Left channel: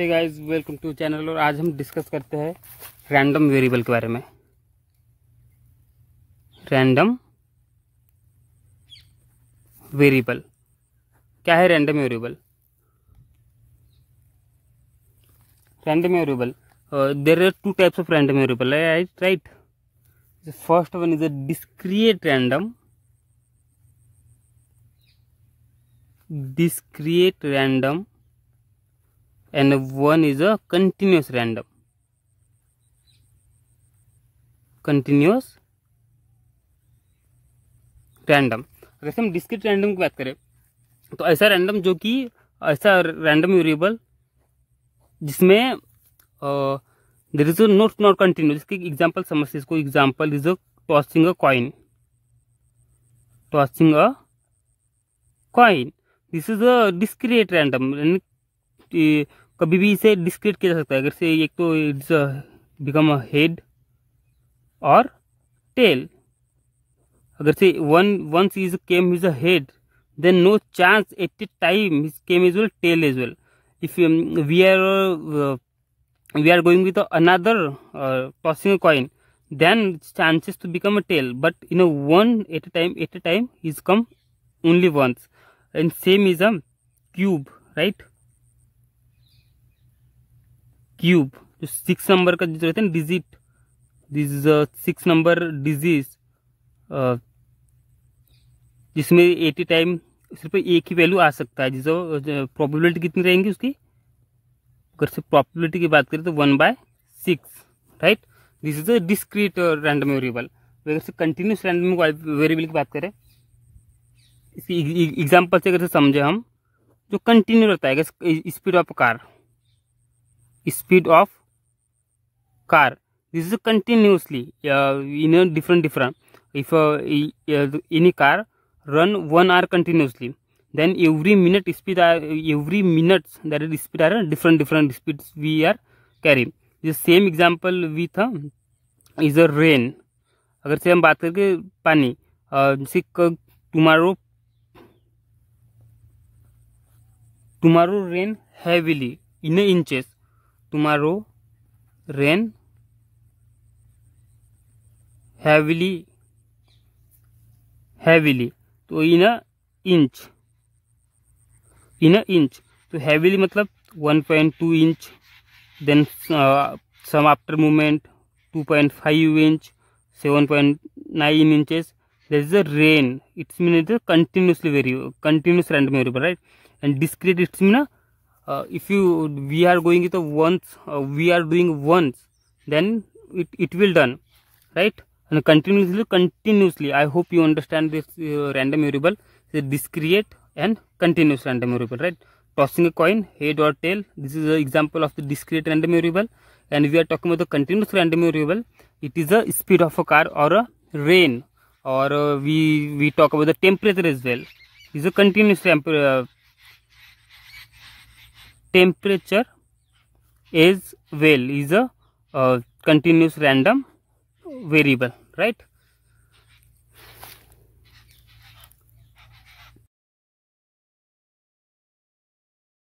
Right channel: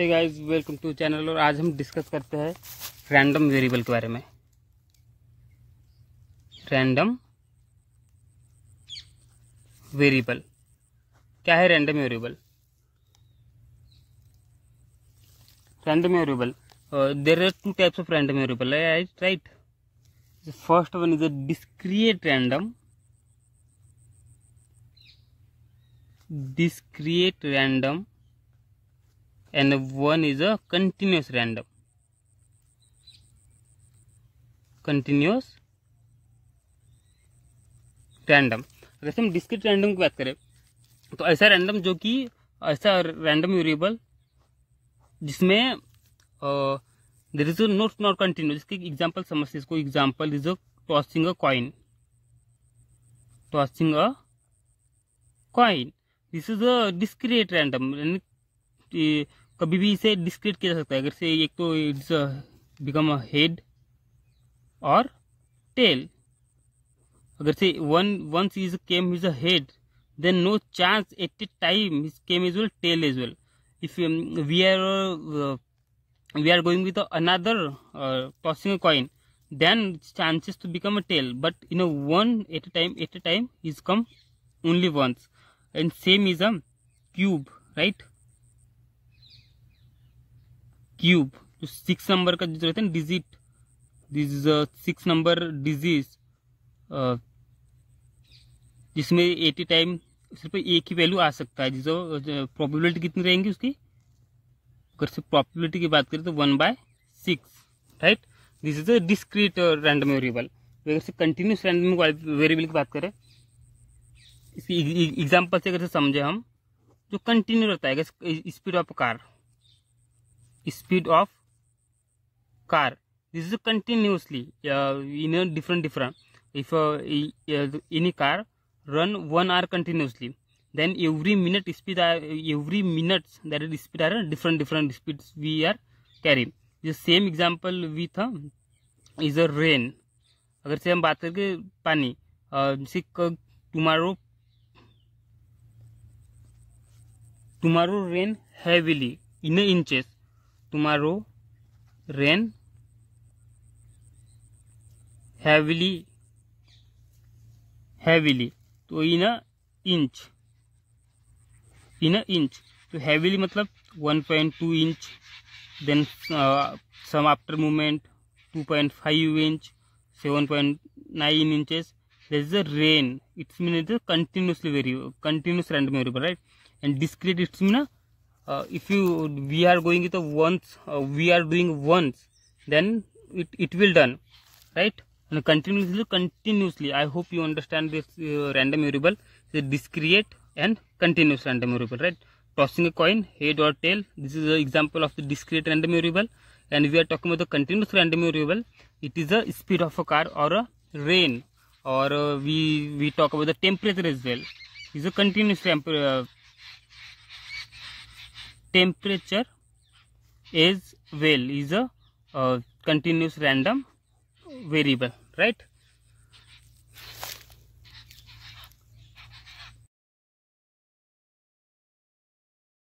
Hey guys, welcome to channel. और आज हम डिस्कस करते हैं रैंडम वेरिएबल के बारे में। रैंडम वेरिएबल क्या है? Random variable there are two types of random variable, right? The first one is a discrete random, and one is a continuous random. अगर हम डिस्क्रीट रैंडम की बात करें तो ऐसा रैंडम वेरिएबल जिसमें देयर इज नॉट कंटिन्यूस। इसकी example समझते हैं। इसको example is tossing a coin. This is a discrete random. कभी भी इसे डिस्क्रीट किया जा सकता है। अगर से एक तो इट्स बिकम अ हेड और टेल। अगर से once is came is a head, then no chance at a time his came as well tail as well. If we are going with another tossing a coin, then chances to become a tail. But one at a time he's come only once. And same is a cube, right? Cube जो 6 number का जो रहता है digit, this is 6 number disease जिसमें 80 time सिर्फ एक ही value आ सकता है। जिसको प्रोबेबिलिटी कितनी रहेंगी उसकी? अगर से प्रोबेबिलिटी की बात करें तो 1/6, right? This is a discrete random variable. अगर से कंटिन्यूस रैंडम वेरिएबल की बात करें, इसकी एग्जांपल से अगर से समझे हम, जो कंटिन्यू रहता है speed of car, this is continuously in a different. If any car run 1 hour continuously, then every minute that is speed are different speeds we are carrying. The same example with is a rain. अगर से हम बात करके पानी, जैसे tomorrow rain heavily in inches. Tomorrow rain heavily तो इन inch तो heavily मतलब 1.2 inch, then some after movement 2.5 inch, 7.9 inches. There is a rain. It's mean the continuous random variable, right? And discrete, it's mean if we are going with we are doing once, then it will done, right? And continuously. I hope you understand this random variable, the discrete and continuous random variable, right? Tossing a coin, head or tail, this is an example of the discrete random variable. And we are talking about the continuous random variable. It is a speed of a car or a rain, or we talk about the temperature as well. It is a continuous temperature as well is a continuous random variable, right?